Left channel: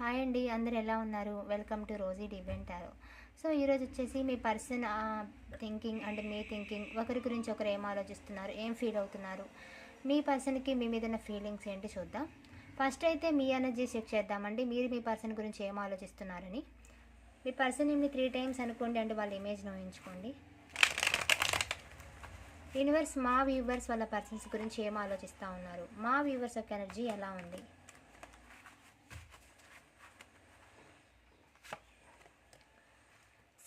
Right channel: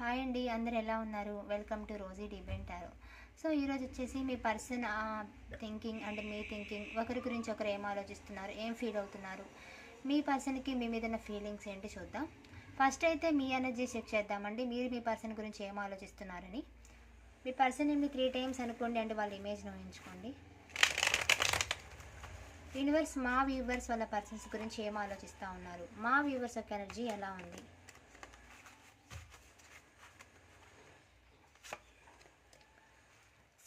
Hi అండి అందరు ఎలా ఉన్నారు? వెల్కమ్ టు రోజీ డిబెన్ టారో సో ఈరోజు వచ్చేసి మీ పర్సన్ థింకింగ్ అంటే మీ థింకింగ్ ఒకరి గురించి ఒకరు ఏం ఆలోచిస్తున్నారు ఏం ఫీల్ అవుతున్నారు? మీ పర్సన్కి మీ మీద ఉన్న ఫీలింగ్స్ ఏంటి చూద్దాం. ఫస్ట్ అయితే మీ ఎనర్జీ చెక్ చేద్దామండి. మీరు మీ పర్సన్ గురించి ఏం ఆలోచిస్తున్నారని. మీ పర్సన్ మీ త్రీ టైమ్స్ అనుకోండి అంటే వాళ్ళ ఇమేజ్ను ఊహించుకోండి. యూనివర్స్ మా వ్యూవర్స్ వాళ్ళ పర్సన్స్ గురించి ఏం ఆలోచిస్తూ ఉన్నారు? మా వ్యూవర్స్ యొక్క ఎనర్జీ ఎలా ఉంది?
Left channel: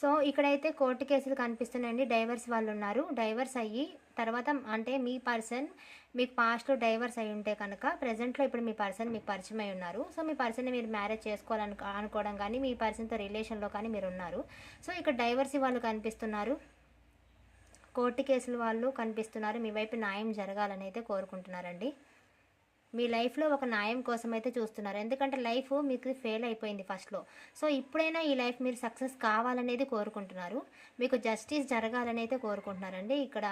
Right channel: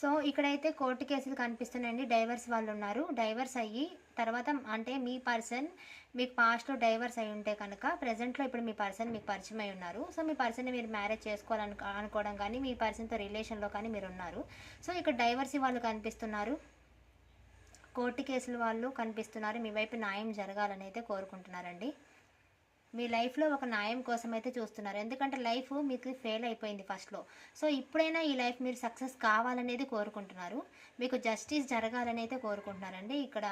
సో ఇక్కడైతే కోర్టు కేసులు కనిపిస్తున్నాయండి. డైవర్స్ వాళ్ళు ఉన్నారు డైవర్స్ అయ్యి తర్వాత అంటే మీ పర్సన్ మీకు పాస్ట్లో డైవర్స్ అయి ఉంటే కనుక ప్రజెంట్లో ఇప్పుడు మీ పర్సన్ మీకు పరిచయం అయి ఉన్నారు. సో మీ పర్సన్ మీరు మ్యారేజ్ చేసుకోవాలను అనుకోవడం కానీ మీ పర్సన్తో రిలేషన్లో కానీ మీరు ఉన్నారు. సో ఇక్కడ డైవర్స్ వాళ్ళు కనిపిస్తున్నారు. కోర్టు కేసులు వాళ్ళు కనిపిస్తున్నారు. మీ వైపు న్యాయం జరగాలని అయితే కోరుకుంటున్నారండి. మీ లైఫ్లో ఒక న్యాయం కోసం అయితే చూస్తున్నారు. ఎందుకంటే లైఫ్ మీకు ఫెయిల్ అయిపోయింది ఫస్ట్లో సో ఇప్పుడైనా ఈ లైఫ్ మీరు సక్సెస్ కావాలనేది కోరుకుంటున్నారు. మీకు జస్టిస్ జరగాలని అయితే కోరుకుంటున్నారండి. ఇక్కడ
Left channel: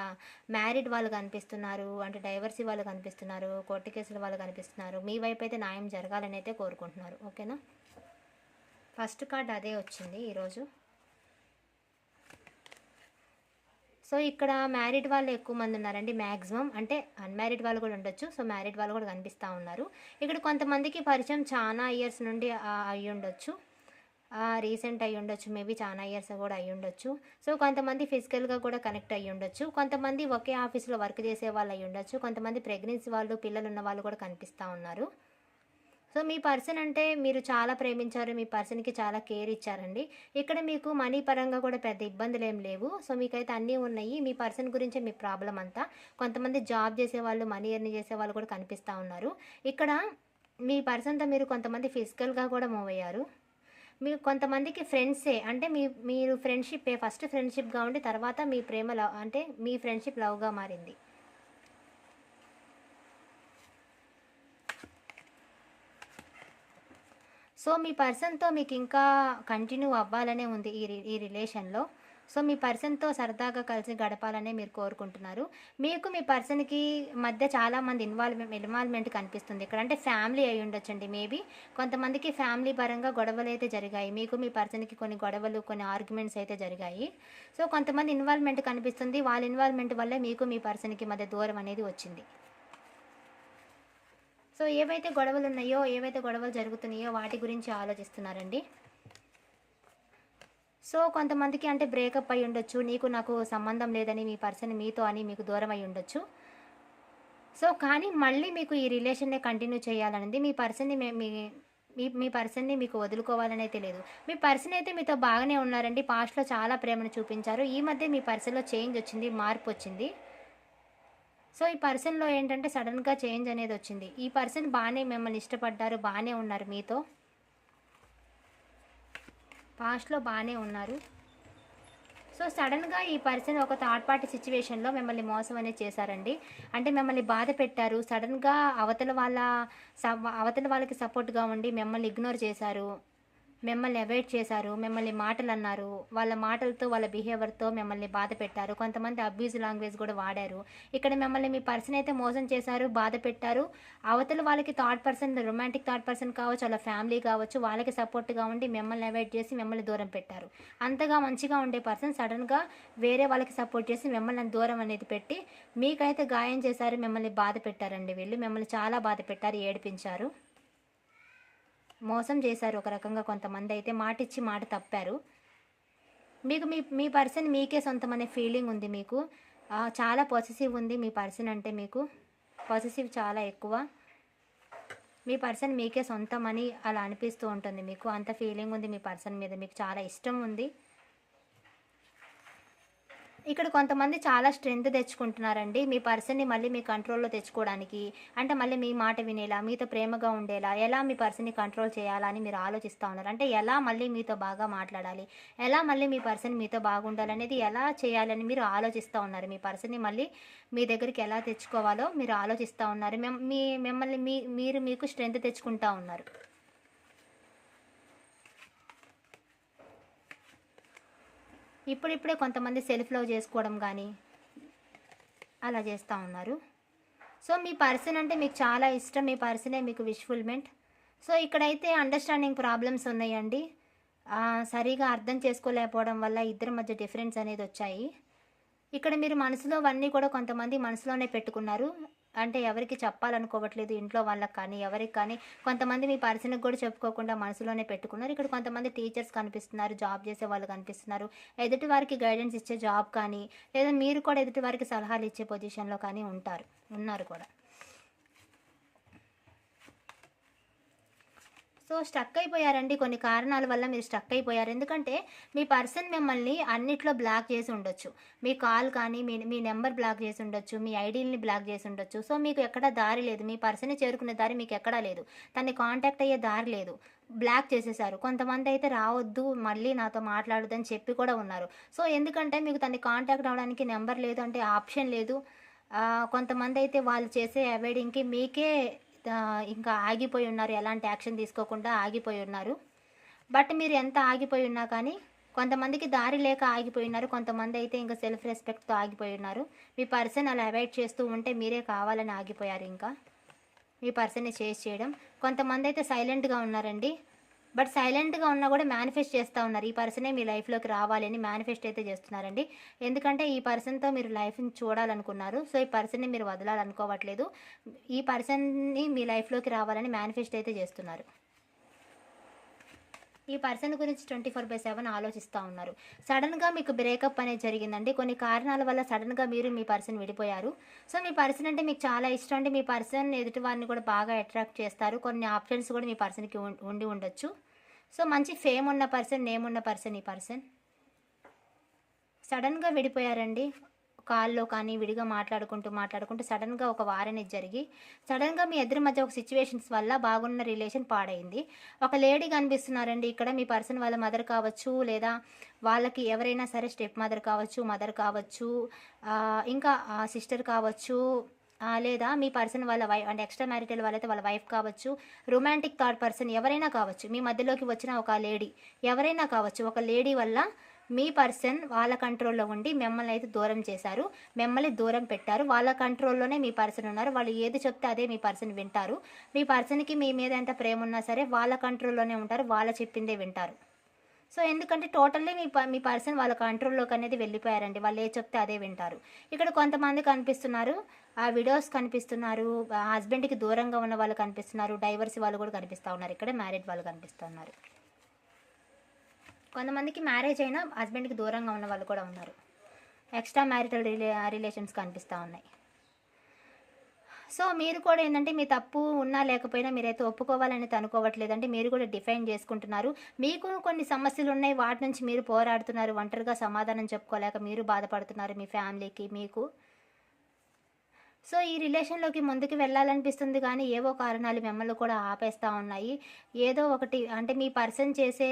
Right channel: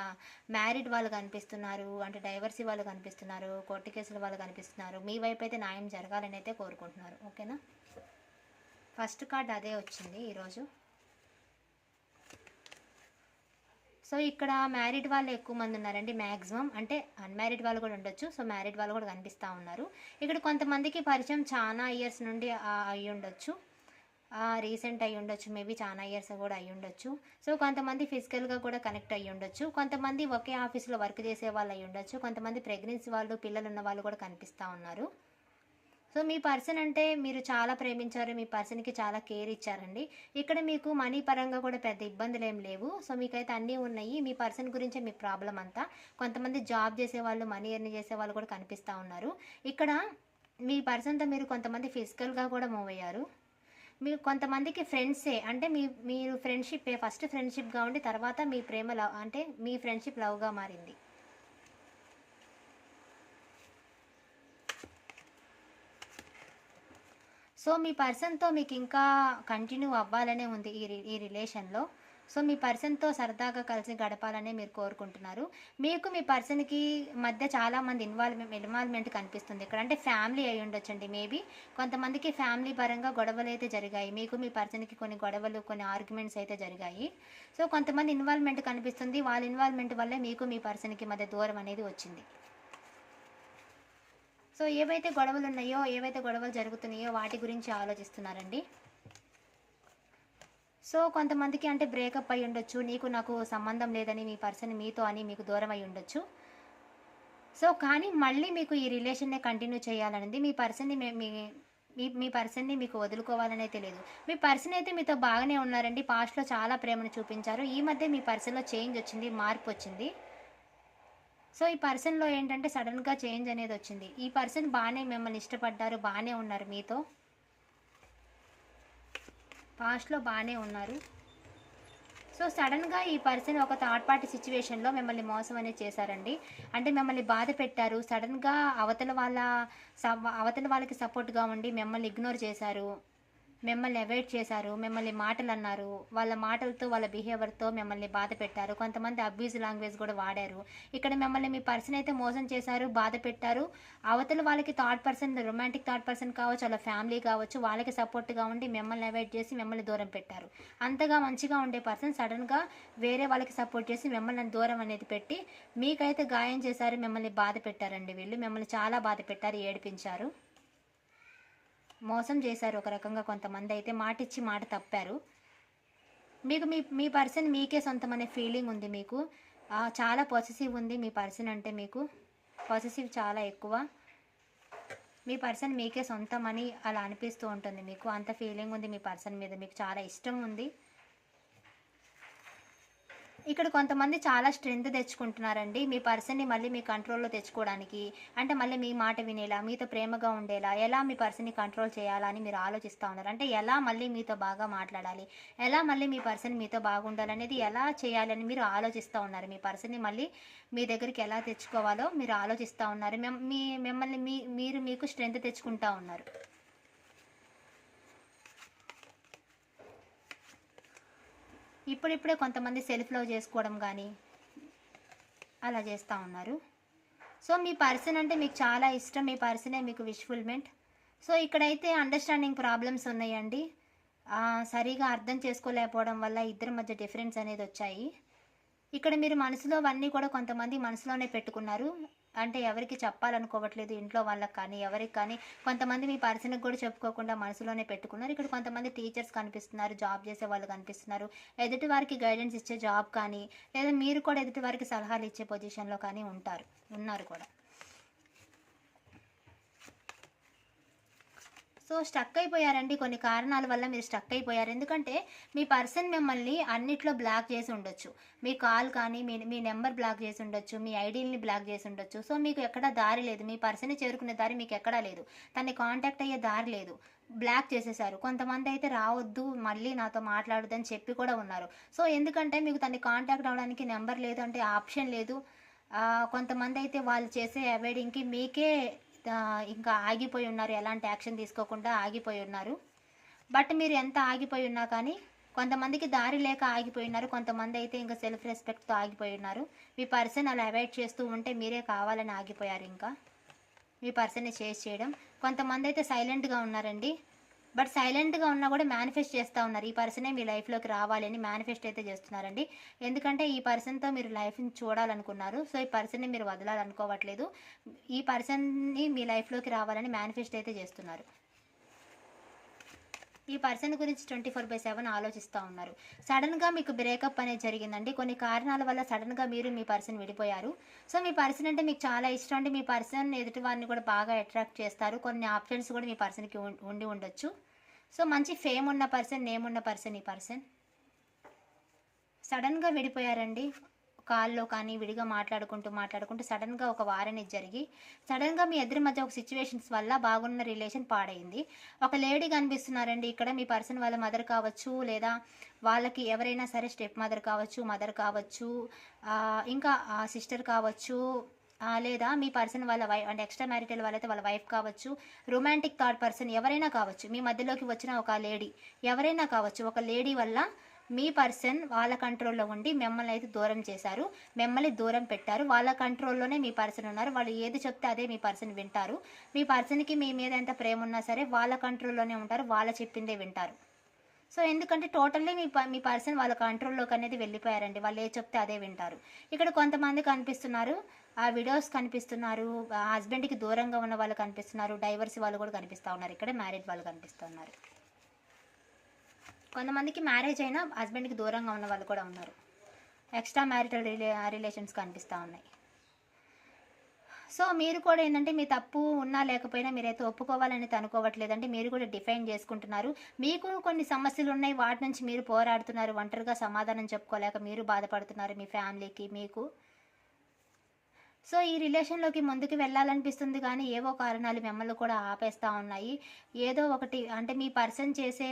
మ్యారీడ్ వాళ్ళు కనిపిస్తున్నారు అంటే డైవర్సీ వాళ్ళు కనిపిస్తున్నారు కోర్టు కేసుల వాళ్ళు కనిపిస్తున్నారు. మీ వైపు అయితే న్యాయం జరగాలని అయితే కోరుకుంటున్నారు ఓకేనా ఫస్ట్ కార్డ్ అదే వచ్చింది ఈరోజు. సో ఇక్కడ మ్యారీడ్ వాళ్ళు ఎక్కువ మంది ఉన్నారండి మ్యాక్సిమం అంటే అన్మ్యారీడ్ వాళ్ళు కూడా ఉండొచ్చు. సో మ్యారీడ్ వాళ్ళు కూడా కనిపిస్తూ ఉన్నారు. ఇక్కడ కొంతమందికి పరిచయం చాలా ఇయర్స్ నుండి అయ్యి ఉండొచ్చు. రీసెంట్ అయి ఉండొచ్చు. మేబీ చాలా ఇయర్స్ కూడా అయ్యి ఉండొచ్చు. సో కొంతమంది ఫిజికల్గా కూడా కనెక్ట్ అయ్యి ఉండొచ్చు. కొంతమంది ఒకే ఆఫీస్లో వర్క్ చేసే వాళ్ళు అయి ఉండొచ్చు. కొంతమంది ప్రెగ్నెన్సీ వాళ్ళు పిల్లలు ఉన్న వాళ్ళు కూడా కనిపిస్తూ ఉన్నారు. సో మీ పర్సన్ అంటే మీరు చాలా ప్రేమించారు మీ పర్సన్కి చాలా కేర్ ఇచ్చారండి. ఇక్కడ మీకు మనీ పరంగా కూడా పెద్ద ఇబ్బందులు ఏం లేవు. సో మీకైతే అన్నీ ఉన్నాయి. మీ పర్సన్ గురించే మీ ప్రాబ్లం అంతా. కొంతమంది జాబ్ చేసే వాళ్ళు మనీ ఎర్న్ చేసే వాళ్ళు కూడా కనిపిస్తూ ఉన్నారు. ఇక్కడ మీ పర్సన్తో మీరు కొంతమంది ఫిజికల్గా కూడా మూవ్ అయ్యారు. మీరు కొంతమందికి ఫ్రెండ్సే అంటే మీ మీరు ఫ్రెండ్షిప్ ఫస్ట్ ఫ్రెండ్షిప్గా ఉండి తర్వాత మీ ప్రేమ లవ్ అంటే మీ ఫ్రెండ్షిప్ లవ్గా మారింది. సో మీ పర్సన్తో మీకు ఇంకా కంటిన్యూ అవ్వాలనే ఉంది ఈ రి- ఈ రిలేషన్లో. సో మీ పర్సన్తో సరదాగా కలిసి గడపాలనే మీరు కోరుకుంటున్నారు. మీకు మీ పర్సన్కి మధ్య చాలామంది ఇన్వాల్వ్మెంట్ ఇన్వాల్వ్మెంట్ కనిపిస్తుంది. ఇక్కడ అంటే ఫ్యామిలీ అయి ఉండొచ్చండి మేబీ. కొంతమందికి ఫ్యామిలీ పరంగా గొడవలు అయితే జరిగాయి. మీకు మీ పర్సన్కి కొన్ని గొడవలు కొన్ని ఆర్గ్యుమెంట్స్ అయితే జరిగాయి. సో కొంతమంది ఇన్వాల్వ్మెంట్ కనిపిస్తుంది. వాళ్ళ ఇన్వాల్వ్మెంట్ వల్ల మీకు మీ పర్సన్కి మధ్య దూరం అనేది వచ్చింది. సో ఏవైతే గొడవలు ఉన్నాయో ఏవైతే గొడవలు జరుగుతున్నాయో వాటి గురించి ఆలోచిస్తున్నారండి. సో కొంతమందికి అంటే బ్రేకప్ అయి ఉండొచ్చు నీకు నాకు సంబంధం లేదని మీ పర్సన్ మీతో అని మీకు దూరం అయి ఉండొచ్చు. సో కానీ మళ్ళీ మీకు ఈ రిలేషన్నే కంటిన్యూ చేయాలనేది. మీ పర్సన్ని మీ మీ మీ పర్సన్ని మీకు వదులుకోవాలనే తెలియదు. మీ పర్సన్ అయితే మీతో బాగానే ఉన్నారండి. పాస్ట్లో చాలా ప్రేమను చూపించారు. ఈ మధ్య మీ పర్సన్లో చేంజ్ వచ్చింది మార్పు వచ్చింది. సో ఈ పర్సన్లో ఏంటంటే సడన్గా చేంజ్ అనేది వచ్చింది. ఈ పర్సన్ బాగానే మిమ్మల్ని ఇష్టపడ్డారు బాగానే ఉన్నారు మీతో. పాస్ట్లో బాగానే ఉన్నారు. సో సడన్గా ఈ పర్సన్ ఒక థర్డ్ పార్టీ సిచ్యువేషన్లో మిమ్మల్ని మోసం అనేది చేశారండి. అంటే మిమ్మల్ని బాధ పెట్టారు సడన్గా అవతల వాళ్ళ స- అవతల వాళ్ళకి సపోర్ట్గా ఉండి మిమ్మల్ని ఇగ్నోర్ చేశారు. మిమ్మల్ని అవాయిడ్ చేశారు మిమ్మల్ని మాటలు అన్నారు వాళ్ళ మాటలతో వాళ్ళ బిహేవియర్తో మిమ్మల్ని బాధ పెట్టారు. కొంతమంది అబ్యూజ్ లాంగ్వేజ్ కూడా వాడారు. ఇక్కడ మిమ్మల్ని మీ పర్సన్ అయితే మోసం చేశారు బాధ పెట్టారు. అవతల వాళ్ళకి third person romantic third person కావచ్చు వాళ్ళ ఫ్యామిలీ కావచ్చు వాళ్ళకి సపోర్ట్గా ఉండి మిమ్మల్ని అవాయిడ్ చేసి మిమ్మల్ని దూరం పెట్టారు. అంతగా మంచిగా ఉండే పర్సన్ సడన్గా వేరే వాళ్ళకి సపోర్ట్ చేసి మిమ్మల్ని దూరం అనేది పెట్టి మీకైతే గాయం చేశారు మిమ్మల్ని బాధ పెట్టారండి వీళ్ళు. మిమ్మల్ని చాలా బాధ పెట్టారు ఏడిపించారు. మోసం చేశారు ఒక రకంగా కొంతమంది అయితే మాట ఇచ్చి మాట తప్పారు. మీకు మీ మీ పర్సన్ మీకే సొంతం అనే ఫీలింగ్ ఉంది మీకు. చాలా పాజిటివ్ ఉంది మీ పర్సన్ అంటే మీకు. పాజిటివ్ చాలా ఎక్కువ. మీ పర్సన్ మీకే సొంతం అని అలా అనిపిస్తూ ఉంటుంది మీకు. అంత ఫీలింగ్ ఉంది మీ పర్సన్ మీద. మీకు చాలా ఇష్టం ఉంది. ఇక్కడ కొంతమంది చాలా స్ట్రెంగ్త్ తెచ్చుకుంటున్నారండి. మీ పర్సన్ని మళ్ళీ మీ కంట్రోల్లో తెచ్చుకోవడానికి అంటే మళ్ళీ మీ మాట వినేలా మీతో ప్రేమగా ఉండేలా ఎలా మీ పర్సన్ని కంట్రోల్ చేయాలా అని మీరు ఆలోచిస్తూ ఉన్నారు. అంటే ఎలా మళ్ళీ మీతో బాగా మాట్లాడాలి ఎలా మళ్ళీ మీ పర్సన్ మీతో బాగుండాలనేది ఎలా చేయాలని మీరు ఆలోచిస్తూ ఉన్నారు. మీ పర్సన్ని మళ్ళీ మీ దగ్గరికి ఎలా తెచ్చుకోవాలో మీరు ఆలోచిస్తూ ఉన్నారు. మీ మిమ్మల్ని మీ మీరు మీకు స్ట్రెంగ్త్ తెచ్చుకుంటా ఉన్నారు. ఇప్పుడిప్పుడే కొంతమంది సెల్ఫ్ లవ్ చేసుకోవడం కానీ అలా చేస్తూ ఉన్నారు. సో మీ పర్సన్ అంటే మీకు చాలా ఇష్టం మీ పర్సనే మీకు విష్ఫుల్మెంట్ సో ఇక్కడైతే అండర్స్టాండింగ్ ప్రాబ్లమ్స్ ఉన్నాయండి. సరిగా అర్థం చేసుకోలేకపోవడం వల్ల ఇద్దరి మధ్య డిఫరెన్స్ అనేది వచ్చాయి. ఇక్కడ మీరు మనసులో అవన్నీ కూడా కొంతమంది మనసులోనే పెట్టుకున్నారు. అంటే ఎవరికి చెప్పాలనుకోవట్లేదు ఇంట్లో వాళ్ళకి కానీ ఎవరికి కానీ. కొంతమంది మీ పర్సన్కి కూడా చెప్పుకోకుండా మనసులోనే పెట్టుకున్నారు. ఇక్కడ కొంతమంది టీచర్స్ కనిపిస్తున్నారు జాబ్ చేసే వాళ్ళు కనిపిస్తున్నారు. ఎదుటి వారికి గైడెన్స్ ఇచ్చే జాబ్ కానీ లేదా మీరు కూడా ఎదుటి వారికి సలహాలు ఇచ్చే పొజిషన్లో కానీ ఉంటారు ఉన్నారు కూడా. సో స్టక్ అయిపోయారండి కొన్ని కారణాల వల్ల మీరు స్టక్ అయిపోయారు. ఎందుకంటే మీ పర్సన్ మిమ్మల్ని అన్నిట్లో బ్లాక్ చేసి ఉండొచ్చు. మీ కాల్ కానీ మీ మీ నెంబర్ బ్లాక్ చేసి ఉండొచ్చు మీ ఐడీని బ్లాక్ చేసి ఉండొచ్చు. సో మీకు ఎక్కడ దారి లేదు. మీ పర్సన్ చేరుకునే దారి మీకు ఎక్కడా లేదు. తన్ని కాంటాక్ట్ అయ్యే దారి లేదు. బ్లాక్ చేసేసారు. కొంతమంది అయితే రావద్దు మళ్ళీ నాతో మాట్లాడదని చెప్పి కూడా ఉన్నారు. సో ఎందుకంటే మీకు తన్ని కాంటాక్ట్ అవ్వడానికి నెంబర్ లేదు అంటే ఆప్షన్ లేదు. కొంతమంది అయితే వాళ్ళు చేసే అవాయిడింగ్కి మీకే ఇంకా ఆగిపోయి ఉన్నారు. ఎలాంటి యాక్షన్ తీసుకోకుండా ఆగిపోయి ఉన్నారు. బట్ మీరు ఎంత ఆగిపోయి ఉన్నా కానీ కొంతమందికి దారి లేక ఆగిపోయి ఉన్నారు. కొంతమంది అయితే ఇంకా సెల్ఫ్ రెస్పెక్ట్తో ఆగిపోయి ఉన్నారు. మీ పర్సన్ అలా అవాయిడ్ చేస్తూ ఉంటే మీరే కావాలని ఆగిపోయారు ఇంకా. మీ పర్సన్ని చేసి చేయడం. కొంతమంది అయితే సైలెంట్గా ఉన్నారండి. బట్ సైలెంట్గా ఉన్నా కూడా మేనిఫెస్ట్ చేస్తూ ఉన్నారు. ఈ పర్సనే మీ లైఫ్లోకి రావాలని మేనిఫెస్ట్ అయితే చేస్తున్నారండి. ఎందుకంటే ఈ పర్సన్తో మీరు లైఫ్ని చూడాలనుకున్నారు. సో ఈ పర్సన్ని మీరు వదలాలనుకోవట్లేదు. ఈ పర్సన్ని మీ లైఫ్లోకి రావాలని మేనిఫెస్ట్ అయితే చేస్తున్నారు. ఈ పర్సన్ గురించి ట్వంటీ ఫోర్ బై సెవెన్ ఆలోచిస్తూ ఉన్నారు. సడన్గా మీకు బ్రేకప్ అనేది జరిగిందండి. కొన్ని కారణాల వల్ల సడన్గా మీరు మీ పర్సన్ విడిపోయారు. సో మీ పర్సన్ అంటే మీకు చాలా ఇష్టం అంటే మీ పర్సన్ ఎదుటి వారిని కూడా బాగా అట్రాక్ట్ చేస్తారు. కొన్ని ఆప్షన్స్ కూడా మీ పర్సన్కి ఉం- ఉండి ఉండొచ్చు. సో మంచి ఫేమ్ ఉన్న పర్సన్ నేమ్ ఉన్న పర్సన్ ఈ పర్సన్? సడన్గా విడిపోయారండి. కాల్లో కానీ విడిగా మాట్లాడుకుంటూ మాట్లాడుకుంటూ సడన్గా ఒక వారనేది జరిగి సడన్గా మీ ఇద్దరి మధ్య ఒక సిచ్యువేషన్స్ వల్ల బాగున్న రిలేషన్ పాడైంది. ఒక లేడీ కనిపిస్తున్నారండి. ఇక్కడ మీ పర్సన్ వాళ్ళ మదర్ కావచ్చు లేదా వాళ్ళకి ఎవరైనా సరే స్టెప్ మదర్ కావచ్చు మదర్ కావచ్చు ఇంకా సిస్టర్ కావచ్చు లేదా మీ పర్సన్ వాళ్ళ వైఫ్ అంటే ఎక్స్ట్రా మ్యారిటల్ వాళ్ళైతే వాళ్ళ వైఫ్ కావచ్చు రొమాంటిక్ థర్డ్ పర్సన్ ఎవరైనా కావచ్చు మీ మధ్యలోకి వచ్చిన ఒక లేడీ ఎవరైనా కావచ్చు ఒక లేడీ వల్ల మీ పర్సన్ వాళ్ళ కంట్రోల్లో ఉండి మిమ్మల్ని అయితే దూరం చేశారు మిమ్మల్ని దూరం పెట్టారు. వాళ్ళ కంట్రోల్లోనే మీ పర్సన్ ఉన్నారు. వాళ్ళు ఏది చెప్తే అదే మీ పర్సన్ వింటారు. మీ పర్సన్కి మీ మీద ఎంత ప్రేమ ఉన్నా సరే వాళ్ళ కంట్రోల్లోనే ఉంటారు. వాళ్ళ చెప్పిందే వింటారు. సో ఎందుకంటే టోటల్లీ మీ ప- మీ పర్సన్ వాళ్ళ కంట్రోల్లోకి అనేది వెళ్ళిపోయారండి. వాళ్ళు ఏ చెప్తే అదే వింటారు. ఇక్కడ కొంతమంది కనిపిస్తున్నారు. ఆ విడోస్ కనిపిస్తున్నారు. హస్బెండ్కి దూరంగా ఉన్న వాళ్ళు కనిపిస్తున్నారు. డైవర్స్ వాళ్ళు కూడా కనిపిస్తూ ఉన్నారు. ఇక్కడ మ్యారేజ్ వాళ్ళు కనిపిస్తున్నారు కొంతమందికి మ్యారేజ్ అయినా హస్బెండ్కి దూరంగా ఉన్న వాళ్ళు కూడా ఉన్నారు. ఎక్స్ట్రా మ్యారిటల్ రిలే రిలేషన్స్ కనిపిస్తూ ఉన్నాయి. సో మీరు కూడా ఏంటంటే మీ తప్పు ఉన్నా లేకపోయినా మీరైతే ఒప్పుకోవాలని అనుకోవట్లేదంటే మీరు కూడా డిఫైన్ చేసుకుంటున్నారు. మీకు కొన్ని సమస్యలు ఉన్నాయి వాటి నుంచి మీరు పోరాడుతున్నారు ఒంటరిగా సమాధానం చెప్పుకోలేక మీరు బాధపడుతున్నారు మీ ఫ్యామిలీకి మీకు. సో ఈ రిలేషన్లోకి ముందుకు వెళ్ళాలనిపిస్తుంది కానీ ఏవో కారణాలు మిమ్మల్ని కూడా ఆపేస్తూ ఉన్నాయి. ఏదో ఒకటి అంటే మీ పర్సన్ చేసే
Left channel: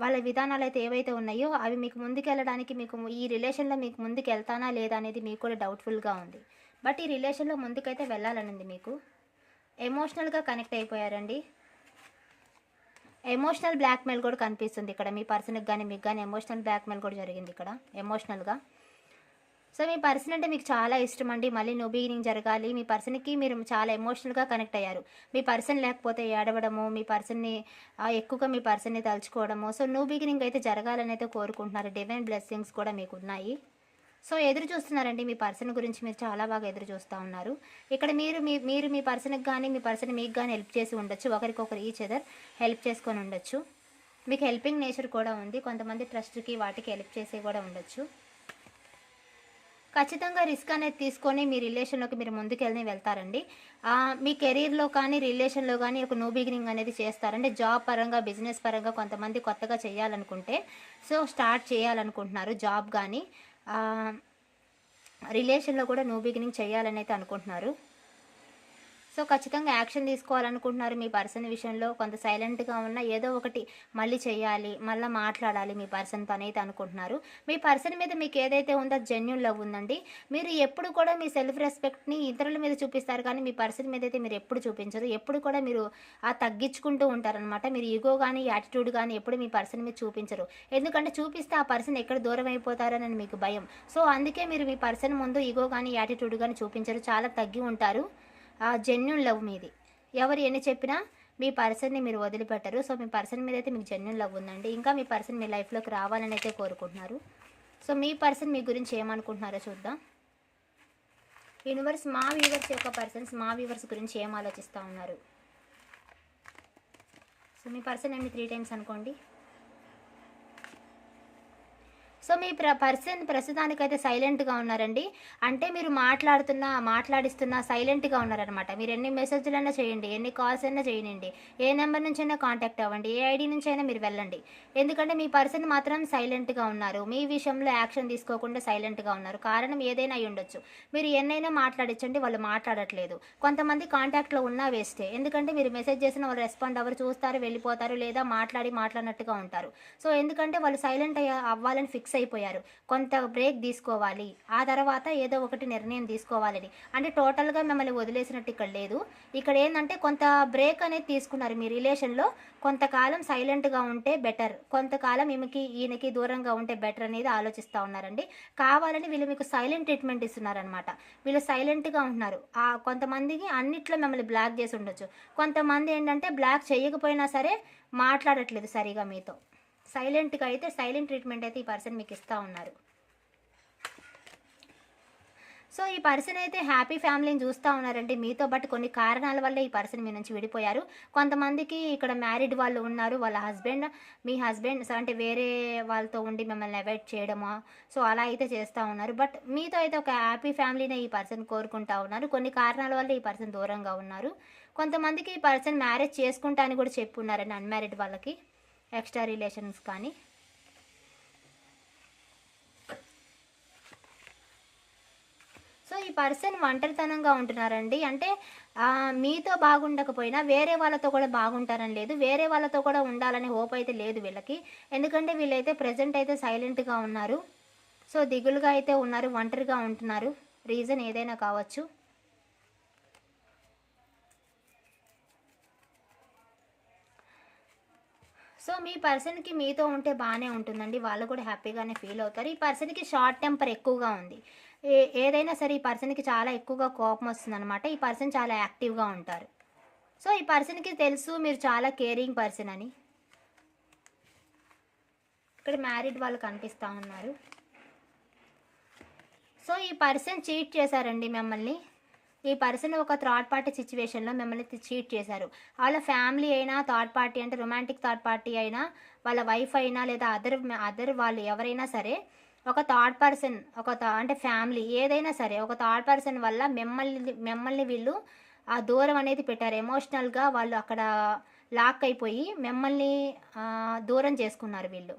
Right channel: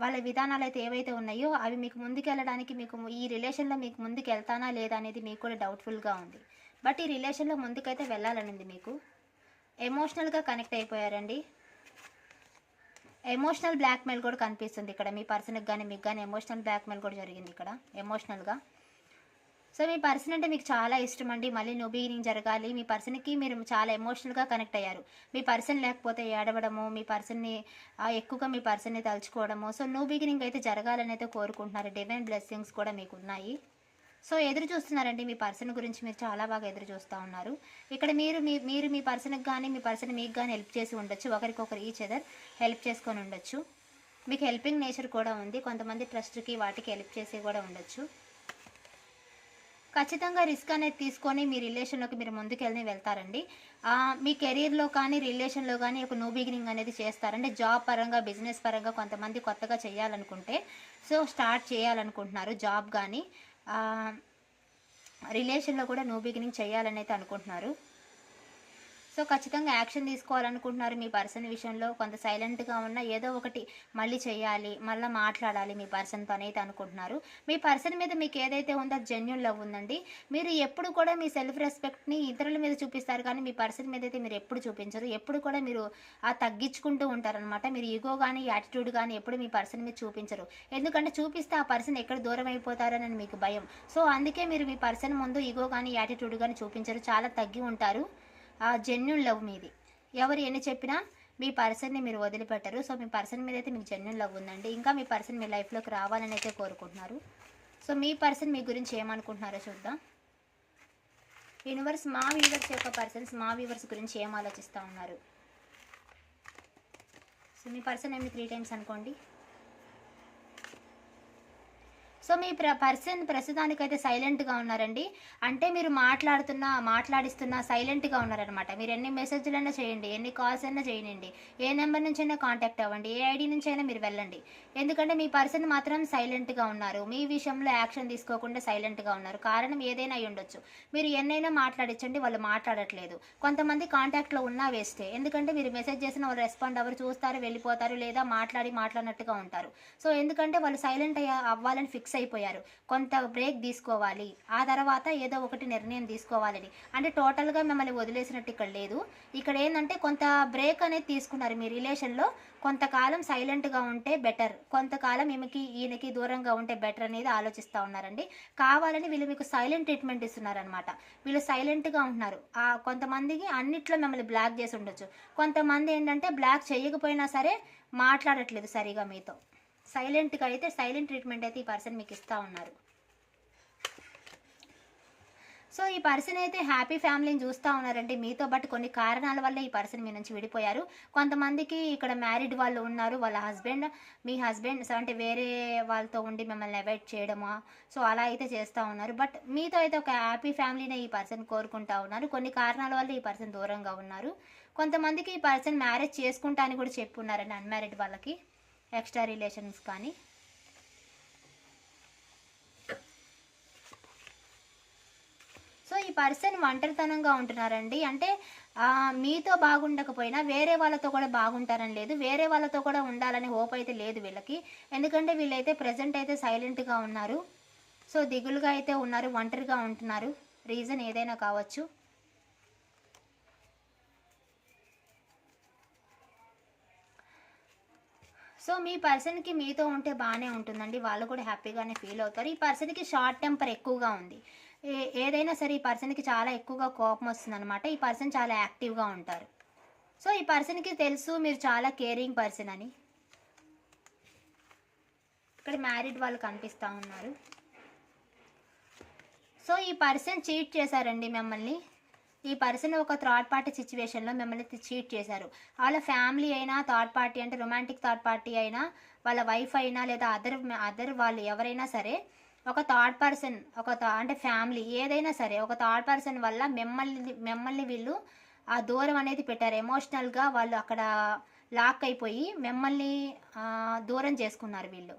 వాళ్ళ విధానాలు అయితే ఏవైతే ఉన్నాయో అవి మీకు ముందుకెళ్ళడానికి మీకు ఈ రిలేషన్లో మీకు ముందుకు వెళ్తానా లేదా అనేది మీకు కూడా డౌట్ఫుల్గా ఉంది. బట్ ఈ రిలేషన్లో ముందుకైతే వెళ్ళాలనింది మీకు. ఎమోషనల్గా కనెక్ట్ అయిపోయారండి. ఎమోషనల్ బ్లాక్మెయిల్ కూడా కనిపిస్తుంది ఇక్కడ మీ పర్సన్కి కానీ మీకు కానీ ఎమోషనల్ బ్లాక్మెయిల్ కూడా జరిగింది ఇక్కడ ఎమోషనల్గా. సో మీ పర్సన్ అంటే మీకు చాలా ఇష్టం అండి మళ్ళీ న్యూ బిగినింగ్ జరగాలి. మీ పర్సన్కి మీరు చాలా ఎమోషనల్గా కనెక్ట్ అయ్యారు. మీ పర్సన్ లేకపోతే ఏడవడము మీ పర్సన్ని ఎక్కువగా మీ పర్సన్ని తలుచుకోవడము. సో న్యూ బిగినింగ్ అయితే జరగాలని అయితే కోరుకుంటున్నారు. డివైన్ బ్లెస్సింగ్స్ కూడా మీకు ఉన్నాయి. సో ఎదురు చూస్తున్నారండి. మీ పర్సన్ గురించి మీరు చాలా బాగా ఎదురు చూస్తూ ఉన్నారు. ఇక్కడ మీరు మీ మీరు మీ పర్సన్కి కానీ మీ పర్సన్ మీకు కానీ హెల్ప్ చేసి ఉండొచ్చు. ఒకరికొకరు ఈచ్ అదర్ హెల్ప్ చేసుకొని ఉండొచ్చు. మీకు హెల్పింగ్ నేచర్ కూడా ఉంది. కొంతమంది ట్రస్ట్కి వాటికి హెల్ప్ చేసి కూడా ఉండొచ్చు. ఖచ్చితంగా రిస్క్ అనేది తీసుకొని మీ రిలేషన్లోకి మీరు ముందుకెళ్ళి వెళ్తారండి. మీ కెరీర్లో కానీ రిలేషన్లో కానీ ఒక న్యూ బిగినింగ్ అనేది చేస్తారంటే జాబ్ పరంగా బిజినెస్ పరంగా కొంతమంది కొత్తగా చేయాలనుకుంటే సో స్టార్ట్ చేయాలనుకుంటున్నారు జాబ్ కానీ. రిలేషన్లో కూడా న్యూ బిగినింగ్ చేయాలని అయితే అనుకుంటున్నారు. సో ఖచ్చితంగా యాక్షన్ తీసుకోవాలనుకుంటున్నారు మీ పర్సన్ విషయంలో. కొంత సైలెంట్గా ఉన్న ఏదో ఒకటి మళ్ళీ చేయాలి మళ్ళీ మాట్లాడాలి మీ పర్సన్తో అయితే అనుకుంటున్నారు. మీ పర్సన్ మీద మీకు ఏదైతే ఉందో జెన్యున్ లవ్ ఉందండి. మీరు ఎప్పుడు కూడా మీ సెల్ఫ్ రెస్పెక్ట్ని ఇతరుల మీద చూపిస్తారు కానీ మీ పర్సన్ మీద అయితే మీరు ఎప్పుడు చూపించరు. ఎప్పుడు కూడా మీరు ఆ తగ్గించుకుంటూ ఉంటారనమాట మీరు ఈగో కానీ యాటిట్యూడ్ కానీ ఎప్పుడు మీ పర్సన్ మీద చూపించరు. ఎందుకంటే చూపిస్తే ఆ పర్సన్ ఎక్కడ దూరం అయిపోతారని మీకు భయం. సో అందుకే మీరు మీ పర్సన్ ముందు ఈగో కానీ యాటిట్యూడ్ కానీ చూపించరు. చాలా తగ్గి ఉంటారు. ఆ జెన్యున్ లవ్ మీది. ఎవరు ఎన్ని చెప్పినా మీ పర్సన్ని మీరు వదిలిపెట్టరు. సో మీ పర్సన్ మీద అయితే మీకు జెన్యున్ లవ్ ఉందండి. ఇంకా మీ పర్సన్ మీ లైఫ్లోకి రావాలని అయితే కోరుకుంటున్నారు. సో మీ పర్సన్ మీ గురించి ఏమనుకుంటున్నారో చూద్దాం. యూనివర్స్ మా వ్యూవర్స్ యొక్క పర్సన్స్ మా వ్యూవర్స్ గురించి ఏం ఆలోచిస్తూ ఉన్నారు? సో మీ పర్సన్ ఏమి త్రీ టైమ్స్ అనుకోండి. సో మీ ప్ర పర్సన్ ప్రస్తుతానికైతే సైలెంట్గా ఉన్నారండి. అంటే మీరు మాట్లాడుతున్నా మాట్లాడిస్తున్నా సైలెంట్గా ఉన్నారనమాట మీరు ఎన్ని మెసేజ్లైనా చేయండి ఎన్ని కాల్స్ అయినా చేయండి ఏ నెంబర్ నుంచైనా కాంటాక్ట్ అవ్వండి ఏ ఐడి నుంచి అయినా మీరు వెళ్ళండి. ఎందుకంటే మీ పర్సన్ మాత్రం సైలెంట్గా ఉన్నారు. మీ విషయంలో యాక్షన్ తీసుకోకుండా సైలెంట్గా ఉన్నారు. కారణం ఏదైనా అయి ఉండొచ్చు. మీరు ఎన్నైనా మాట్లాడించండి వాళ్ళు మాట్లాడట్లేదు. కొంతమంది కాంటాక్ట్లో ఉన్నా వేస్టే. ఎందుకంటే మీరు మెసేజ్ చేసిన వాళ్ళు రెస్పాండ్ అవ్వరు చూస్తారు వెళ్ళిపోతారు లేదా మాట్లాడి మాట్లాడినట్టుగా ఉంటారు. సో ఎందుకంటే వాళ్ళు సైలెంట్ అయ్యా అవ్వాలని ఫిక్స్ అయిపోయారు. కొంత బ్రేక్ తీసుకోవాలి. ఆ తర్వాత ఏదో ఒకటి నిర్ణయం తీసుకోవాలని. అంటే టోటల్గా మిమ్మల్ని వదిలేసినట్టు ఇక్కడ లేదు. ఇక్కడ ఏంటంటే కొంత బ్రేక్ అనేది తీసుకున్నారు మీ రిలేషన్లో. కొంతకాలం సైలెంట్గా ఉంటే బెటర్. కొంతకాలం ఈమెకి ఈయనకి దూరంగా ఉంటే బెటర్ అనేది ఆలోచిస్తూ ఉన్నారండి. కావాలని వీళ్ళు మీకు సైలెంట్ ట్రీట్మెంట్ ఇస్తున్నారనమాట వీళ్ళు సైలెంట్గా ఉంటున్నారు. ఆ కొంతమందికి అన్నిట్లో మిమ్మల్ని బ్లాక్ చేసి ఉండొచ్చు. కొంతమంది ఏంటంటే బ్లాక్ చేయకపోయినా సరే మాట్లాడట్లేదు సరిగా మీతో. సైలెంట్గా అయితే సైలెంట్ ట్రీట్మెంట్ అయితే ఈ పర్సన్ మీకు ఇస్తూ ఉన్నారు. సో ఈ పర్సన్ అయితే హ్యాపీ ఫ్యామిలీని చూస్తూ ఉన్నారండి. మీతో బట్ కొన్ని కారణాల వల్ల ఈ పర్సన్ మీ నుంచి విడిపోయారు. కొంతమందికి ఇక్కడ మ్యారీడ్ వాళ్ళు ఉన్నారు. వాళ్ళ హస్బెండ్ మీ హస్బెండ్ అంటే వేరే వాళ్ళతో ఉండి మిమ్మల్ని అవాయిడ్ చేయడమా? సో అలా అయితే చేస్తూ ఉన్నారు. బట్ మీతో అయితే ఒక హ్యాపీ ఫ్యామిలీనే ఈ పర్సన్ కోరుకుంటా ఉన్నారు. కొన్ని కారణాల వల్ల ఈ పర్సన్ దూరంగా ఉన్నారు. కొంతమందికి ఈ పర్సన్ మ్యారేజ్ చేసుకుంటా అని కూడా చెప్పున్నారండి అన్మ్యారీడ్ వాళ్ళకి. ఎక్స్ట్రా రిలేషన్స్ కానీ. సో ఈ పర్సన్ ఒంటరితనంగా ఉంటున్నారండి. అంటే మీతో బాగుండకపోయినా వేరే వాళ్ళతో కూడా బాగుంటారని లేదు. వేరే వాళ్ళతో కూడా ఉండాలనే హోప్ అయితే లేదు వీళ్ళకి. ఎందుకంటే వీళ్ళైతే ప్రజెంట్ అయితే సైలెంట్గా ఉన్నారు. సో దిగులుగా అయితే ఉన్నారు ఒంటరిగా ఉంటున్నారు. రీజన్ ఏదైనా కావచ్చు. సో మీ పర్సన్కి మీతో ఉంటే బాగానే ఉంటుందండి. వాళ్ళు కూడా హ్యాపీగానే ఫీల్ అవుతారు. ఈ పర్సన్కి షార్ట్ టెంపర్ ఎక్కువగా ఉంది. ఏ ఏదైనా సరే ఈ పర్సన్కి చాలా ఎక్కువగా కోపం వస్తుందన్నమాట. ఈ పర్సన్ చాలా యాక్టివ్గా ఉంటారు. సో ఈ పర్సన్కి తెలుసు మీరు చాలా కేరింగ్ పర్సన్ అని. ఇక్కడ మ్యారీడ్ వాళ్ళు కనిపిస్తూ ఉన్నారు. సో ఈ పర్సన్ చీట్ చేశారండి మిమ్మల్ని. ఈ పర్సన్ ఒక థర్డ్ పార్టీ సిచ్యువేషన్లో మిమ్మల్ని చీట్ చేశారు. వాళ్ళ ఫ్యామిలీ అయినా థర్డ్ పార్టీ అంటే రొమాంటిక్ థర్డ్ పార్టీ అయినా వాళ్ళ వైఫ్ అయినా లేదా అదర్ అదర్ వాళ్ళు ఎవరైనా సరే ఒక థర్డ్ పర్సన్ ఒక థ- అంటే ఫ్యామిలీ ఏదైనా సరే ఒక థర్డ్ పర్సన్ వల్ల మిమ్మల్ని మిమ్మల్ని వీళ్ళు ఆ దూరం అనేది పెట్టారు. ఎమోషనల్గా వాళ్ళు అక్కడ లాక్ అయిపోయి మిమ్మల్ని దూరం చేసుకున్నారు వీళ్ళు.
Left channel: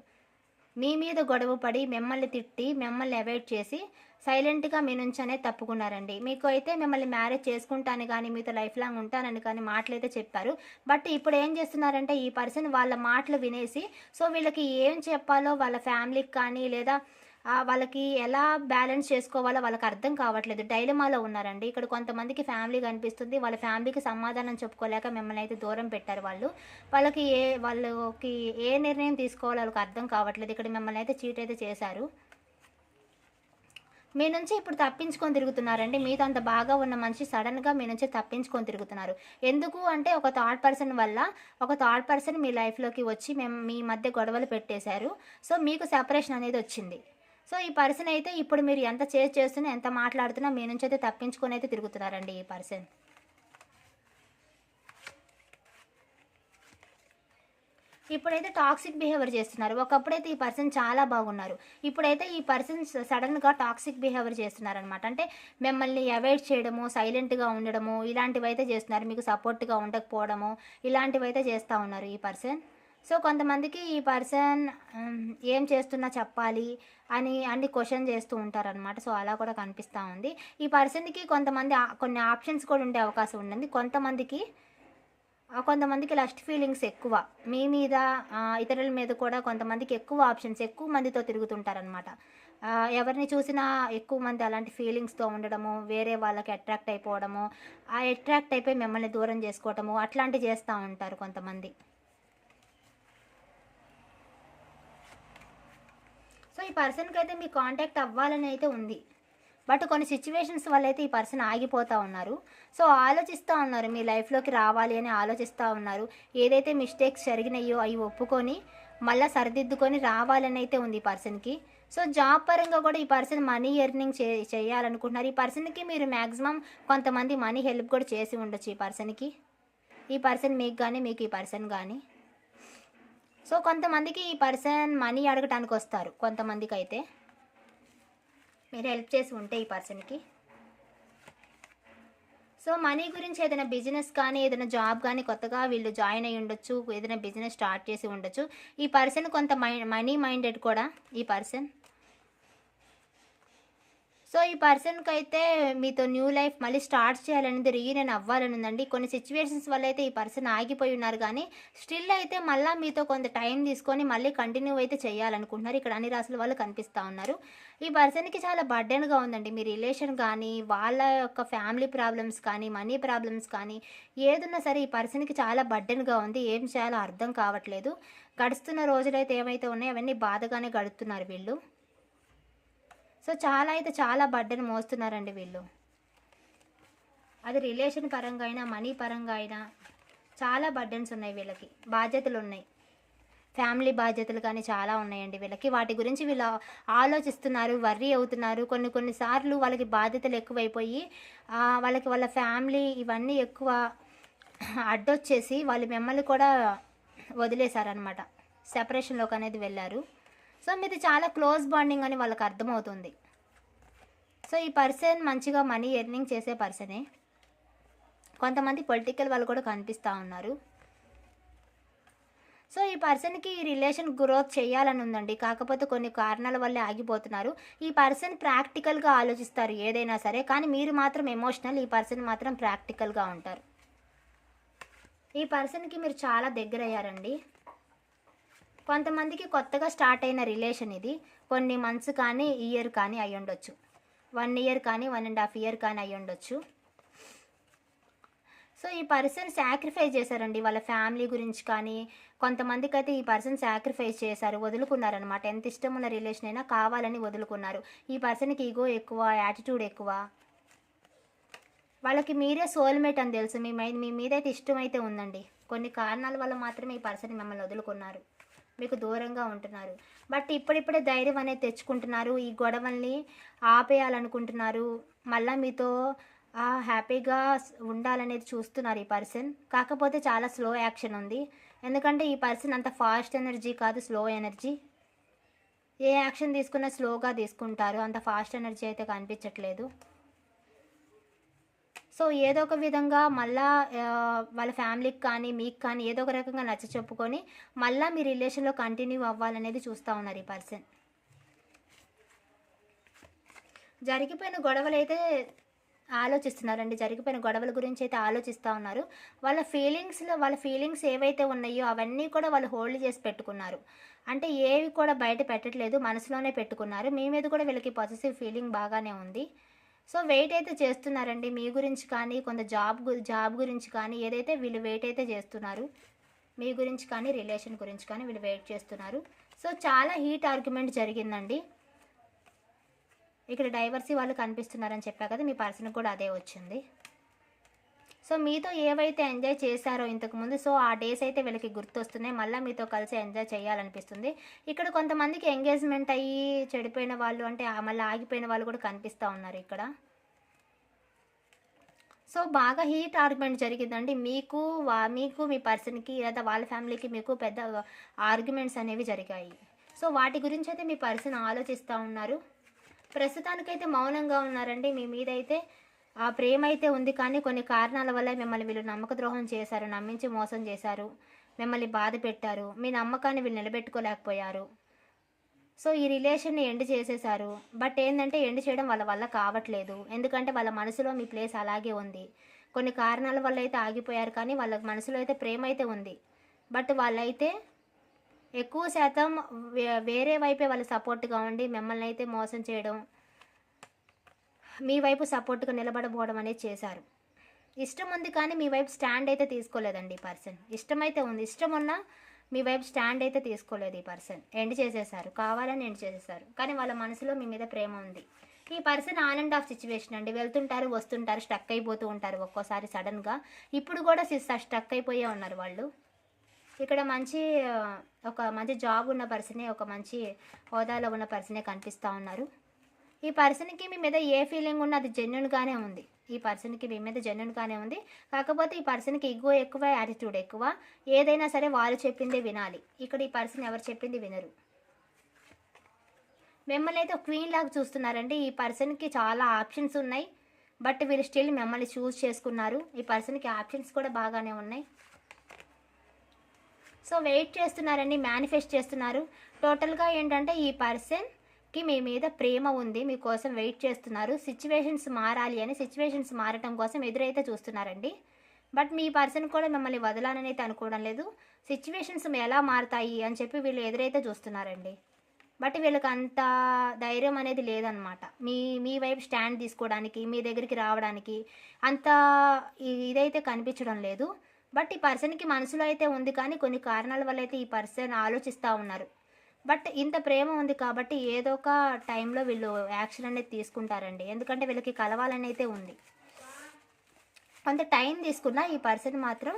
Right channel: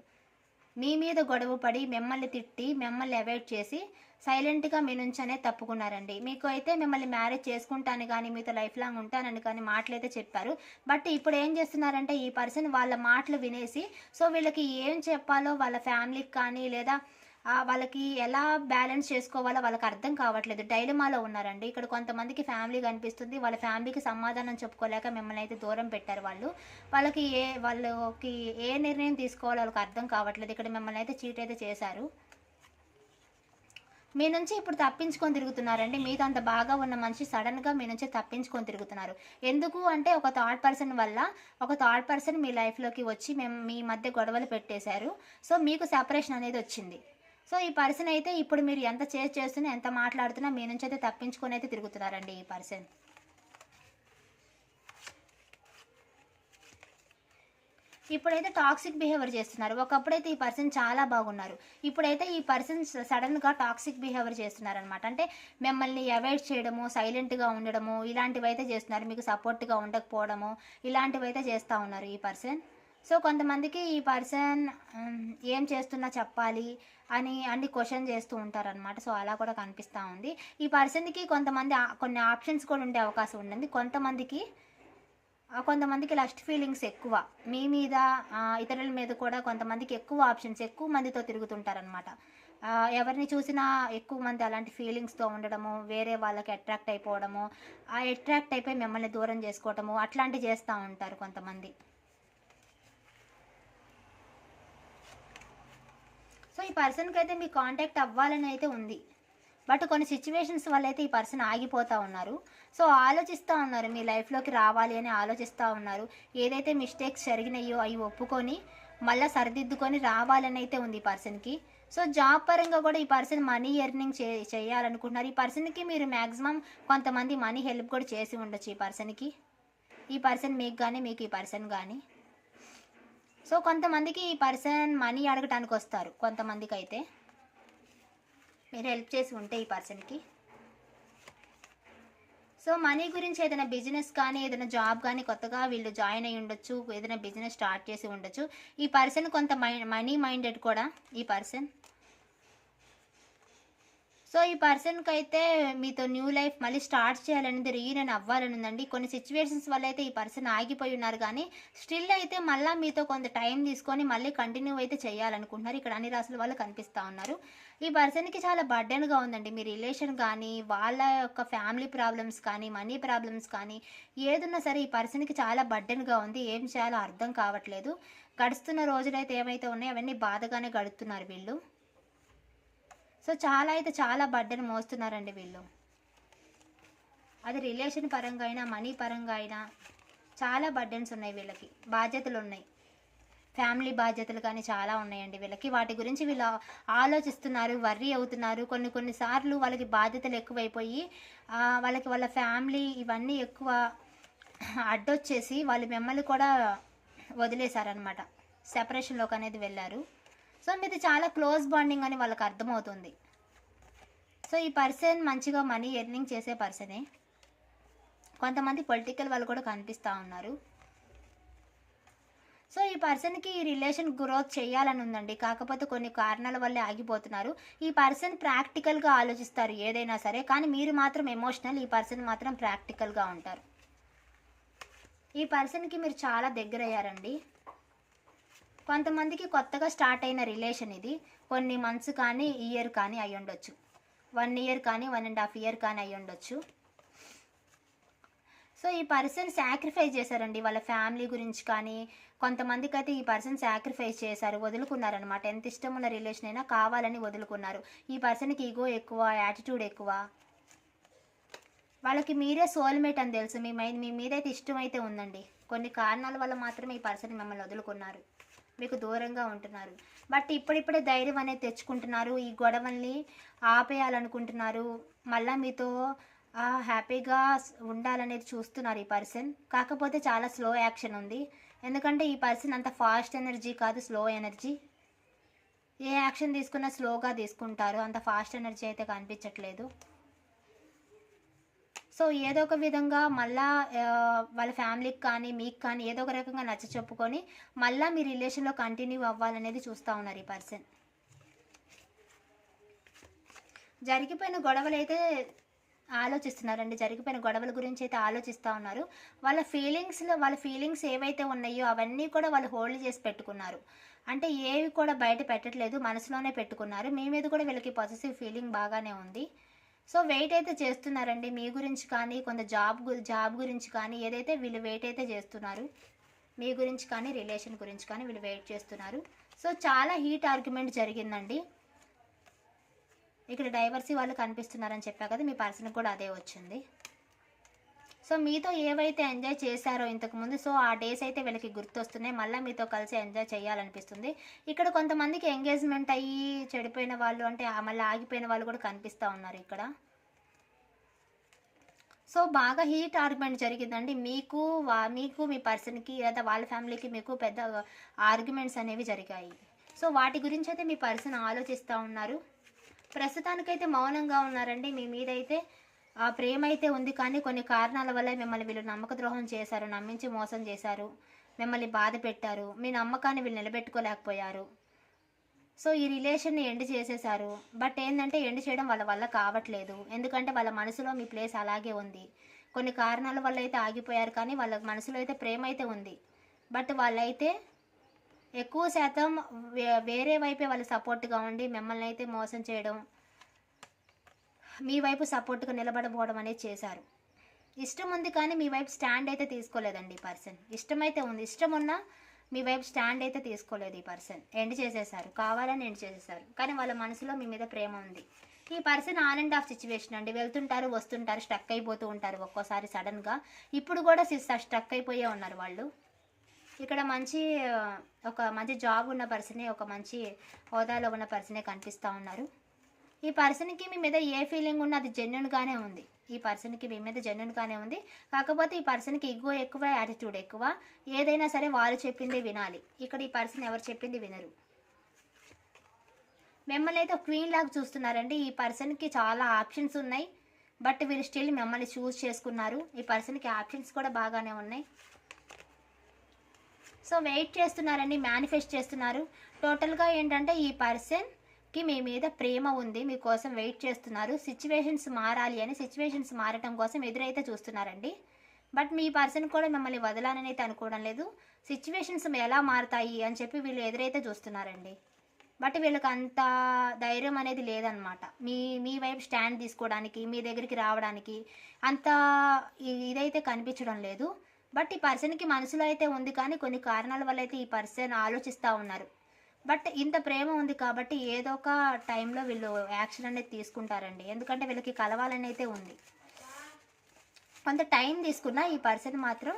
మీ మీద గొడవ పడి మిమ్మల్ని తిట్టి మిమ్మల్ని అవాయిడ్ చేసి సైలెంట్గా మీ నుంచి అనేది తప్పుకున్నారండి. మీకు అయితే మిమ్మల్ని మ్యారేజ్ చేసుకుంటాను కానీ మీతో లైఫ్ లాంగ్ ఉంటానని కానీ మాటలు అయితే చెప్పారు. బట్ ఇప్పుడు ఏం చేస్తున్నారంటే ఈ పర్సన్ వాళ్ళ మాటలు వినేసి సో వీళ్ళకి ఏం చెప్పాలో వాళ్ళ ఫ్యామిలీకి కానీ లేదా వాళ్ళకి ఎలా బ్యాలెన్స్ చేసుకోవాలో వాళ్ళకి అర్థం కావట్లేదు. డైలమాలో ఉన్నారండి. ఇక్కడ కొంతమందికి ఫ్యామిలీ కనిపిస్తుంది. వాళ్ళ ఫ్యామిలీకి సమాధానం చెప్పుకోలేక మిమ్మల్ని అయితే దూరం పెట్టారు వాళ్ళు. వాళ్ళకి ఏ వాళ్ళకి ఏ నిర్ణయం తీసుకోవాలో వాళ్ళకి అర్థం కావట్లేదు. ఇక్కడ మిమ్మల్ని అయితే చీట్ అయితే చేశారు. మీ నుంచి ఇప్పుడు తప్పించుకొని తిరుగుతున్నారండి. మీతో అంత బాగా ఉన్న మనిషి సడన్గా మీ నుంచి తప్పించుకొని తిరుగుతున్నారు. ఎందుకు అంటే ఒక థర్డ్ పర్సన్ వల్ల ఒక థర్డ్ పర్సన్ మీ లైఫ్లోకి వచ్చి మేము మీ మధ్య గొడవలు పెట్టేశారు. సో మీకు సెపరేషన్ అనేది వచ్చింది. సో ఈ పర్సన్ అయితే ఇప్పుడు మీరు ఎంత చేసి చేస్తున్నా ఎంత మాట్లాడుతున్నా మీ నుంచి అయితే తప్పించుకొని అయితే తిరుగుతున్నారండి ఈ పర్సన్. ఇప్పుడైతే టాక్సిక్ బిహేవియర్ చేస్తున్నారు. ఒకప్పుడైతే ఈ పర్సన్ చాలా బాగున్నారు. ఇప్పుడైతే ఈ పర్సన్ సడన్గా టాక్సిక్ బిహేవియర్ చేస్తున్నారు అనమాట అంటే మిమ్మల్ని అవాయిడ్ చేయడము సైలెంట్గా ఉండడము ఇలాంటివి అయితే చేస్తున్నారు. మీకు సపోర్ట్గా ఉండకపోవడము ఇలాంటివి అయితే చేస్తూ ఉన్నారు ఈ పర్సన్. సో కొంతమందికి ఈ పర్సన్ ఏం చేస్తున్నా చెప్పాలి అని అన్ని క్వశ్చన్ చేస్తూ ఉంటారనమాట సో అలా కూడా కనిపిస్తూ ఉంది. ఈ పర్సన్కి కొంతమంది కొన్ని ఆప్షన్స్ కూడా ఉండే అవకాశం ఉండండి కొంతమందికి కొంతమందికి లస్ట్ ఫీలింగ్స్ ఎక్కువ. మీ మీద ఇతరుల మీద కూడా కొంతమందికి ఎక్కువ ఆప్షన్స్ ఎక్కువ మందితో తిరుగుతుంటారనమాట ఎవరిని చూసినా ఎక్కువ మంది అలాంటి ఫీలింగ్స్తో ఉండడము వేరే వాళ్ళకి అట్రాక్ట్ అయిపోవడము ఆ అట్రాక్ట్ అయిపోయి మిమ్మల్ని దూరం చేసుకోవడము అట్లాంటివి చేస్తూ ఉంటారు కొంతమంది. సో ఈ పర్సన్కి అయితే మీ కాంటాక్ట్ అవ్వాలని అయితే ఉంది. బట్ కొన్ని సిచ్యువేషన్స్ వల్ల అయితే ఈ పర్సన్ ఆగిపోతూ ఉన్నారు. సో ఆలోచిస్తూ ఉన్నారు మీ లైఫ్లోకి రావాలి అని ఆలోచిస్తూ ఉన్నారు. ఏదైతే మిస్టేక్స్ జరిగినాయో అవి ఒప్పుకొని మళ్ళీ సరిదిద్దుకొని రావాలని అయితే ఉంది ఈ పర్సన్కి. సో జాబ్ పరంగా కూడా ఈ పర్సన్ మనీ ఎర్నింగ్ చే చేయాలనుకుంటున్నారు. ఈ పర్సన్కి మీరు మ్యాక్సిమం కొంతమంది మనీ హెల్ప్ కూడా చేసి ఉండొచ్చు ఈ పర్సన్కి. ఈ పర్సన్ మీకు కానీ మీకు ఈ పర్సన్ కానీ సో కొంతమందికి ఈ పర్సన్ మనీ అడగటానికి వస్తారు. కొంతమందికి అయితే మీరు హెల్ప్ చేసి ఉంటే ఈ పర్సన్కి. సో మనీ గురించి ఏదైనా బిజినెస్ కానీ ఏదైనా జాబ్ కానీ కొత్తగా వీళ్ళు జాయిన్ అయ్యి ఉండొచ్చు ఏదైనా బిజినెస్ స్టార్ట్ చేసి ఉండొచ్చు. ఈ పర్సన్ కొంత మనీ మైండెడ్ కూడా ఈ పర్సన్. సో ఈ పర్సన్కి అయితే మీతో న్యూ లైఫ్ మళ్ళీ స్టార్ట్ చేయాలనేది రీయూనియన్ అవ్వాలని ఉందండి. కొన్ని సిచ్యువేషన్స్ వల్ల అయితే ఈ పర్సన్ ఆగిపోయి ఉన్నారు కానీ స్టిల్ అయితే మళ్ళీ మీతో కొంత టైం తీసుకొని మళ్ళీ కంటిన్యూ అయితే చేయాలనుకుంటున్నారు. ఇక్కడ అన్ని రాసుల వాళ్ళు కనిపిస్తూ ఉన్నారు. ఈ పర్సన్కి చాలా బర్డెన్గా ఉందండి. మీ రిలేషన్ కానీ వాళ్ళ యొక్క ఫ్యామిలీ ప్రాబ్లమ్స్ కానీ మనీ ప్రాబ్లమ్స్ కానీ ఏదున్నా సరే ఈ పర్సన్కి చాలా బర్డెన్గా ఉంది. ఏం చేయాలో అర్థం కావట్లేదు. గడుస్తున్న రోజులైతే ఏమైతే ఉన్నాయో అవన్నీ బాధగానే గడుపుతున్నారు వీళ్ళు. సో చాలా అయితే చాలా బర్డెన్ మోస్తున్నారండి వీళ్ళు. అది రిలేషన్ పరంగా అయినా మనీ పరంగా అయినా చాలా బర్డెన్స్ ఉన్నాయి వీళ్ళకి. బాధ్యతలు ఉన్నాయి. ఫ్యామిలీ బాధ్యతలు కానీ చాలా ఉన్నాయండి వీళ్ళకి. వాటి గురించి వీళ్ళు ఆలోచిస్తున్నారు వర్రీ అవుతున్నారు. కొన్ని కొన్నిసార్లు వాళ్ళకి బాధ్యతలు ఎక్కువైపోయి వాళ్ళకి వాళ్ళ ఫ్యామిలీ ఇవన్నీ ఎక్కువ అడ్డొచ్చేసి వాళ్ళు మిమ్మల్ని కూడా వదిలేశారనమాట సెపరేషన్లోకి అనేది వెళ్ళారు. సో మీది చాలా క్లోజ్ బాండింగ్ అని వాళ్ళకి అర్థమవుతుంది. సో ఈ పర్సన్ మంచిగా మనీ ఎర్నింగ్ చేసే పర్సనే. కొంతమంది పొలిటికల్ వాళ్ళు కూడా కనిపిస్తూ ఉన్నారు. సో ఈ పర్సన్కి ఈ రిలేషన్ గ్రోత్ చేయాలని ఉందండి. కాకపోతే కొన్ని కారణాల వల్లే ఆగిపోతున్నారు. ఈ పర్సన్ ప్రాక్టికల్గా ఆలోచిస్తారు ఏదైనా సరే కానీ మీరు మాత్రం ఎమోషనల్ ఈ పర్సన్ మాత్రం ప్రాక్టికల్గా ఉంటారు. ఈ పర్సన్కి మీరు చాలా దగ్గర అయ్యారండి కొంతమందికి కొత్తగా స్టార్ట్ అయిన రిలేషన్ ఇది. కొన్ని మంత్స్ కానీ ఇయర్ కానీ అయి ఉండొచ్చు. వన్ ఇయర్ కానీ వన్ అండ్ హాఫ్ ఇయర్ కానీ అయి ఉండొచ్చు. సో ఈ పర్సన్ సాక్రిఫైస్ చేశారండి. వాళ్ళ ఫ్యామిలీ గురించి కానీ కొంతమందికి అయితే ఈ పర్సన్ సాక్రిఫైస్ చేశారు వదులుకున్నారనమాట ఎంత ఇష్టం ఉన్న రిలేషన్ అయినా కావాలని వదులుకున్నారు. ఈ పర్సన్కి ఈగో ఎక్కువ యాటిట్యూడ్ ఎక్కువ. వాళ్ళకి మీరే సోల్మేట్ అని తెలుసు. మీ మీ మీద అయితే ఇష్టం అయితే ఉందండి. కొన్ని కారణాల వల్ల మాత్రమే ఈ పర్సన్ మిమ్మల్ని వదులుకున్నారు. మీకు దూరంగా ఉంటున్నారు. బట్ ఇప్పుడిప్పుడే ధైర్యం అనేది తెచ్చుకుంటున్నారు. ఈ గొడవల్ని ఆపేయాలనుకుంటున్నారు. మళ్ళీ మీతో హ్యాపీగా ఉండాలనేది చూస్తున్నారు ఈ పర్సన్. కాకపోతే చాలా స్లో యాక్షన్ ఉంది. ఎందుకంటే ఈ పర్సన్ అంత ఫాస్ట్ ఎనర్జీ కాదు స్లో ఎనర్జీ. ఏ యాక్షన్ తీసుకున్నా స్లోగా తీసుకుంటారు. అంత ఫాస్ట్ ఎనర్జీ అయితే కనిపించట్లేదు. సో ఏదో ఒక విధంగా మళ్ళా వాళ్ళ ఫ్యామిలీకి కానీ మీకు కానీ ఏదో ఒక రకంగా నచ్చ చెప్పుకొని మళ్ళీ మీ రిలేషన్లో కంటిన్యూ అవ్వాలనేది చూస్తూ ఉన్నారు ఈ పర్సన్. జరిగిపోయిన గొడవలు అయితే ఆలోచిస్తున్నారండి. జరిగిపోయిన గొడవల గురించి అయితే ఆలోచిస్తూ ఉన్నారు. వాళ్ళ ఫీలింగ్స్లో వాళ్ళ ఫీలింగ్స్ ఏవైతే ఉన్నాయో అవన్నీ కూడా వాళ్ళు హోల్డ్ చేసి పెట్టుకున్నారు. అంటే ఏవి కూడా బయట పెట్టట్లేదు మనసులోనే పెట్టుకున్నారు. మీ మీద కూడా వీళ్ళకి పాజిటివ్ ఫీలింగ్ బాగానే ఉంది. సో వెయిట్ అయితే చేస్తున్నారండి మీ గురించి కానీ కొంత జాబ్ గు- జాబ్ గురించి కానీ ఏదైతే వీళ్ళు వెయిట్ అయితే చేస్తున్నారు మీ గురించి కానీ రిలేషన్ గురించి కానీ వీళ్ళు వెయిట్ చేస్తున్నారు. సో చాలా హీట్ ఆర్గ్యుమెంట్ జరిగిందండి. ఇక్కడ డైవర్సీ వాళ్ళు కనిపిస్తున్నారని చెప్పా కదా మీ పర్సన్కి కూడా అదే వచ్చింది. సో మీతో ఏవైతే ఎంజాయ్ చేశారో ఇంతకుముందు సో ఆ డేస్ అయితే వీళ్ళకి గుర్తొస్తున్నాయి. మళ్ళీ మీతో కలిసి ఎంజాయ్ చేయాలనిపిస్తుంది. ఇక్కడ కొంతమందికి ఎంగేజ్మెంట్ అయ్యి చెడిపోయిన వాళ్ళు అంటే మళ్ళీ ఆగిపోయిన వాళ్ళు కూడా కనిపిస్తూ ఉన్నారు ఇక్కడ. సో బాగా హీట్ ఆర్గ్యుమెంట్ జరిగిందండి. మీకు వా- మీకు మీ పర్సన్కి లేదా వాళ్ళ ఫ్యామిలీకి మీకు పెద్ద ఆర్గ్యుమెంట్స్ అనేవి జరిగాయి. సో వాటి గురించి అయితే మీ పర్సన్ ఆలోచిస్తూ ఉన్నారు. ప్రస్తుతానికైతే మౌనంగా ఉన్నారండి. మీ మీద అయితే ఆ ప్రేమ అయితే ఉంది కానీ కొన్ని కారణాల వల్ల మిమ్మల్ని వీళ్ళు నమ్మక ద్రోహం చేశారు నమ్మించి మోసం చేశారు మిమ్మల్ని బాధ పెట్టారు మీ నమ్మకాన్ని వీళ్ళు నిలబెట్టుకోలేకపోయారు. సో ఈ రిలేషన్ని ఎండ్ చేసేశారు. బట్ ఏంటంటే ఎండ్ చేయడం వాళ్ళ వల్ల కావట్లేదు. ఎందుకంటే వాళ్ళ మనసులో మీ ప్లేస్ అలాగే ఉంది. కొన్ని కారణాల వల్ల అయితే ఆగిపోయారు కానీ వాళ్ళ మనసులో అయితే ప్రేమ అయితే ఉంది. బట్ వాళ్ళైతే ఎక్కువ శాతం వే- వేరే వైపే వాళ్ళు సపోర్ట్గా ఉండి మిమ్మల్ని అయితే మోసం చేయడం మీ వైపు సపోర్ట్గా నిలబడబోవడం అనేది చేశారు. ఇష్టం ఉంది కానీ మీ వైపు స్టాండ్ అయితే తీసుకోలేదండి ఈ పర్సన్. ఇష్టమైతే ఉంది. ఇష్టం ఉన్నా మీ వైపు స్టాండ్ అయితే తీసుకోలేదు ఈ పర్సన్. ఎండ్ చేసేసారు కావాలని ఎండ్ చేసేసారు కానీ వాళ్ళ మనసులో మీ మీద ప్రేమ ఉంది. ఈ person on and off situation అండి. వెళ్తుంటారు వస్తుంటారు స్టక్ అయిపోతూ ఉంటారు ఒక్కోసారి సడన్గా ఇప్పుడు కూడా స్టక్ అయిపోయే ఉన్నారు వాళ్ళు. ఇక్కడ మంచి ఒక మంచి జాబ్ ఉన్న పర్సనే ఒక మంచి హోదాలో ఉన్న పర్సనే కనిపిస్తూ ఉన్నారు. ఈ పర్సన్కి మీ మీద ఏ ఫీలింగ్ ఉన్నా అది జెన్యున్గానే ఉంది. ఈ పర్సన్కి మీ మీద జెన్యున్గానే ఉంది. కాకపోతే ఈ పర్సన్కి ఇగో ఎక్కువ యాటిట్యూడ్ ఎక్కువ. ఏదైనా సరే వాళ్ళు చెప్పిందే వినాలి. ఇక్కడ ఈ పర్సన్ ఎవరు చెప్పింది వినరు. మిమ్మల్ని అయితే క్వీన్ లాగా చూస్తున్నారండి. ఈ పర్సన్కి చాలా ఆప్షన్స్ ఉన్నాయి. బట్ వీళ్ళు స్టిల్ మిమ్మల్ని చూస్ చేసుకున్నారు. ఈ పర్సన్కి ఆప్షన్స్ కూడా బాగానే ఉన్నాయి. సో వెయిట్ చేస్తున్నారండి. మేనిఫెస్ట్ చేస్తున్నారు. టోటల్గా ఏంటంటే ఈ పర్సన్ కి మీ మీద ప్రేమ ఉంది మీకోసం వెయిట్ చేస్తున్నారు సిచ్యువేషన్స్ మారాలి అని సిచ్యువేషన్స్ మారటం కోసం ఎదురైతే చూస్తున్నారండి. బట్ మీ పర్సన్ కూడా మిమ్మల్ని వదలాలని అయితే అనుకోవడం లేదు. సిచ్యువేషన్స్ ఎలా మారుతాయి అని చెప్పి వీళ్ళు ఎదురైతే చూస్తున్నారండి. బట్ వీళ్ళకి అంత ధైర్యం అనేది లేదనమాట. మీ మీ వైపు స్టాండ్ తీసుకోవడానికి మీ దగ్గరికి రావడానికి అంత ఇదైతే కనిపించడం లేదు. బట్ ఈ పర్సన్కి మనసులో అయితే ఉంది కానీ కొన్ని కారణాల వల్ల అయితే ఈ పర్సన్ ఆలోచిస్తూ ఉన్నారు. బట్ ఇంత ప్రేమ ఉంది కాబట్టి ఏదో ఒక టైంలో వీళ్ళు యాక్షన్ అనేది తీసుకుంటారండి. ఎందుకంటే వీళ్ళకి కలవాలని అయితే ఉంది. కొంత టైం తీసుకున్నా ఈ పర్సన్ మాత్రం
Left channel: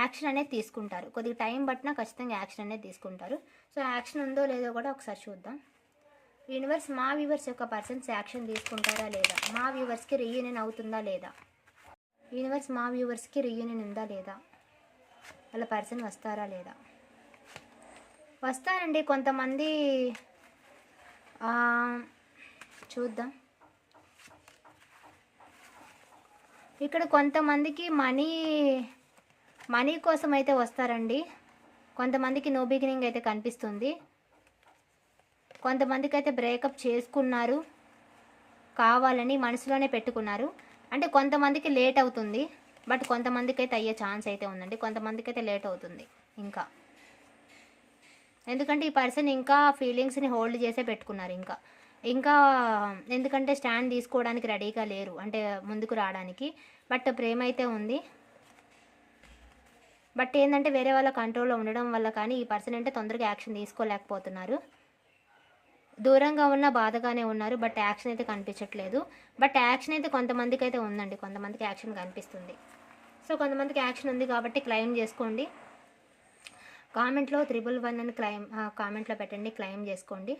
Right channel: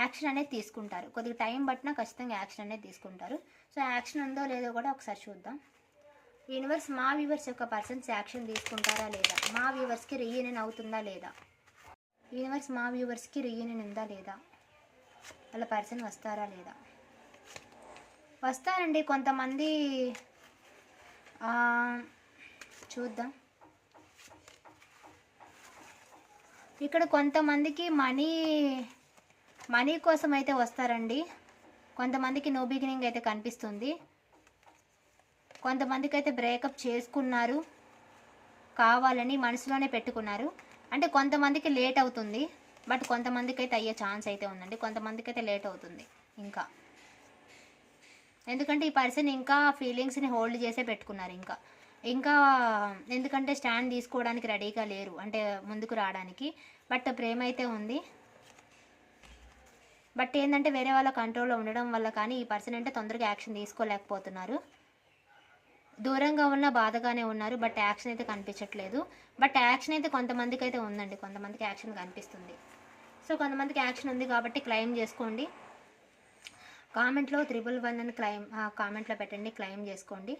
యాక్షన్ అనేది తీసుకుంటారు. కొద్దిగా టైం పట్టినా ఖచ్చితంగా యాక్షన్ అనేది తీసుకుంటారు. సో యాక్షన్ ఉందో లేదో కూడా ఒకసారి చూద్దాం. యూనివర్స్ మా వ్యూవర్స్ యొక్క పర్సన్స్ యాక్షన్ తీసుకుంటారా లేదా? మా వ్యూవర్స్కి రీయూనియన్ అవుతుందా లేదా? యూనివర్స్ మా వ్యూవర్స్కి రీయూనియన్ ఉందా లేదా? వాళ్ళ పర్సన్ వస్తారా లేదా? వస్తారండి కొంతమంది. చూద్దాం. ఇక్కడ కొంతమందికి మనీ మనీ కోసం అయితే వస్తారండి. కొంతమందికి నో బిగినింగ్ అయితే కనిపిస్తుంది. కొంతమందికి అయితే బ్రేకప్ చేసుకున్నారు. కావాలని మనసులోనే పెట్టుకున్నారు. అంటే కొంతమందికి లేట్ అవుతుంది. బట్ కొంతమందికి అయితే అయ్యే ఛాన్స్ అయితే ఉందండి. కొంతమందికి అయితే లేట్ అవుతుంది. ఇంకా. ఎందుకంటే ఈ పర్సన్ ఇంకా ఫీలింగ్స్ని హోల్డ్ చేసే పెట్టుకున్నారు ఇంకా. ఇంకా ఎందుకంటే స్టాండ్ తీసుకోవడానికి రెడీగా లేరు అంటే ముందుకు రావడానికి. బట్ ప్రేమ అయితే ఉంది. బట్ ఏంటంటే వేరే వాళ్ళ కంట్రోల్లో ఉండడం వల్ల కానీ ఈ పర్సన్ అంటే తొందరగా యాక్షన్ తీసుకోలేకపోతున్నారు. దూరంగా ఉన్న బాధగానే ఉన్నారు బట్ యాక్షన్ అయితే కనిపించట్లేదు. బట్ యాక్షన్ అయితే కొంతమందికి అయితే ఉందండి కొంతమందికి యాక్షన్ కనిపిస్తుంది. సో కొంతమందికి యాక్షన్ ఉంది కాబట్టి క్లెయిమ్ చేసుకోండి. కామెంట్లో త్రిబుల్ వన్ అని క్లైమ్ కామెంట్లో పెట్టండి క్లెయిమ్ చేసుకోండి.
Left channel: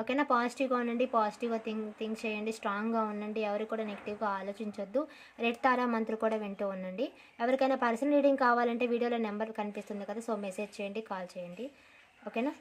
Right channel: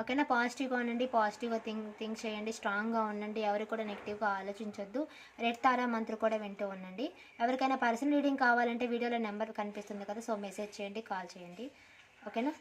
ఓకేనా? పాజిటివ్గా ఉండండి పాజిటివ్గా థింక్ థింక్ చేయండి స్ట్రాంగ్గా ఉండండి ఎవరు కూడా నెగిటివ్గా ఆలోచించొద్దు. రెడ్ తారా మంత్రి కూడా వింటూ ఉండండి. ఎవరికైనా పర్సనల్ రీడింగ్ కావాలంటే వీడియోలో నెంబర్ కనిపిస్తుంది కదా సో మెసేజ్ చేయండి కాల్ చేయండి. ఓకేనా?